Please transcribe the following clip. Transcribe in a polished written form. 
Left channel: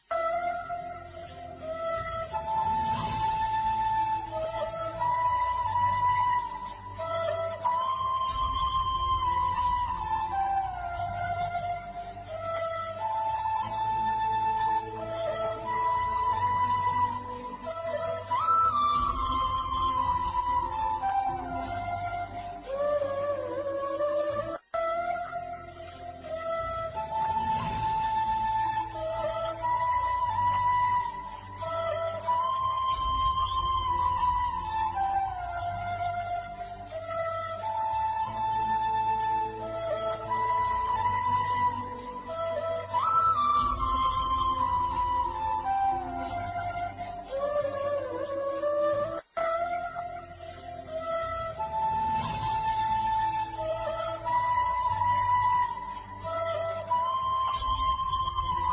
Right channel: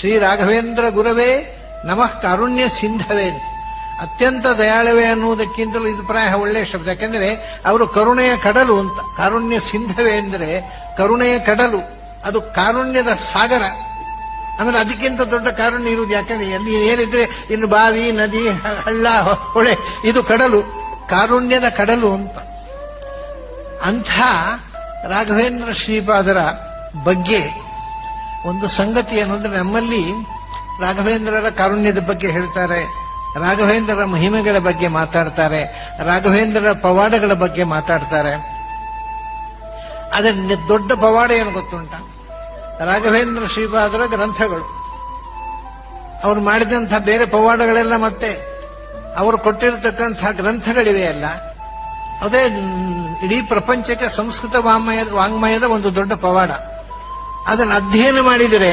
ಶ್ರೀ ರಾಘವೇಂದ್ರ ಗುರವೇ ನಮಃ ಕಾರುಣ್ಯ ಸಿಂಧವೇ. ಅತ್ಯಂತ ದಯಾಳವೇ ಅನ್ನುವುದಕ್ಕಿಂತಲೂ ಇದು ಪ್ರಾಯ ಒಳ್ಳೆಯ ಶಬ್ದ. ಯಾಕೆಂದ್ರೆ ಅವರು ಕರುಣೆಯ ಕಡಲು ಅಂತ. ಕಾರುಣ್ಯ ಸಿಂಧವೇ ಅಂದರೆ ಕರುಣೆಯ ಕಡಲು, ಅದು ಕಾರುಣ್ಯದ ಸಾಗರ. ಆಮೇಲೆ ಅದಕ್ಕಿಂತ ದೊಡ್ಡ ಕಾರುಣ್ಯ ಇರುವುದು. ಯಾಕಂದ್ರೆ ಅಲ್ಲಿ ಏನಿದ್ರೆ ಇನ್ನು ಬಾವಿ, ನದಿ, ಹಳ್ಳ, ಹೊಳೆ, ಇದು ಕಡಲು, ಕಾರುಣ್ಯದ ಕಡಲು ಅಂತ. ಅಂಥ ರಾಘವೇಂದ್ರ ಶ್ರೀಪಾದರ ಬಗ್ಗೆ ಒಂದು ಸಂಗತಿ ಅನ್ನೋದ್ರೆ, ನಮ್ಮಲ್ಲಿ ರಾಘವೇಂದ್ರರ ಕಾರುಣ್ಯದ ಬಗ್ಗೆ ಹೇಳ್ತಾರೆ, ರಾಘವೇಂದ್ರರ ಮಹಿಮೆಗಳ ಬಗ್ಗೆ ಮಾತಾಡ್ತಾರೆ, ರಾಘವೇಂದ್ರರ ಪವಾಡಗಳ ಬಗ್ಗೆ ಮಾತಾಡ್ತಾರೆ. ಅದರ ದೊಡ್ಡ ಪವಾಡ ಏನು ಗೊತ್ತುಂಟ? ರಾಘವೇಂದ್ರ ಶ್ರೀಪಾದರ ಗ್ರಂಥಗಳು. ಅವರು ಮಾಡಿದಂಥ ಬೇರೆ ಪವಾಡಗಳೆಲ್ಲ ಮತ್ತೆ ಅವರು ಕೊಟ್ಟಿರತಕ್ಕಂಥ ಗ್ರಂಥಗಳಿವೆ ಅಲ್ಲ, ಅದೇ ಇಡೀ ಪ್ರಪಂಚಕ್ಕೆ ಸಂಸ್ಕೃತ ವಾಂಗ್ಮಯದ ಒಂದು ದೊಡ್ಡ ಪವಾಡ. ಅದನ್ನು ಅಧ್ಯಯನ ಮಾಡಿದರೆ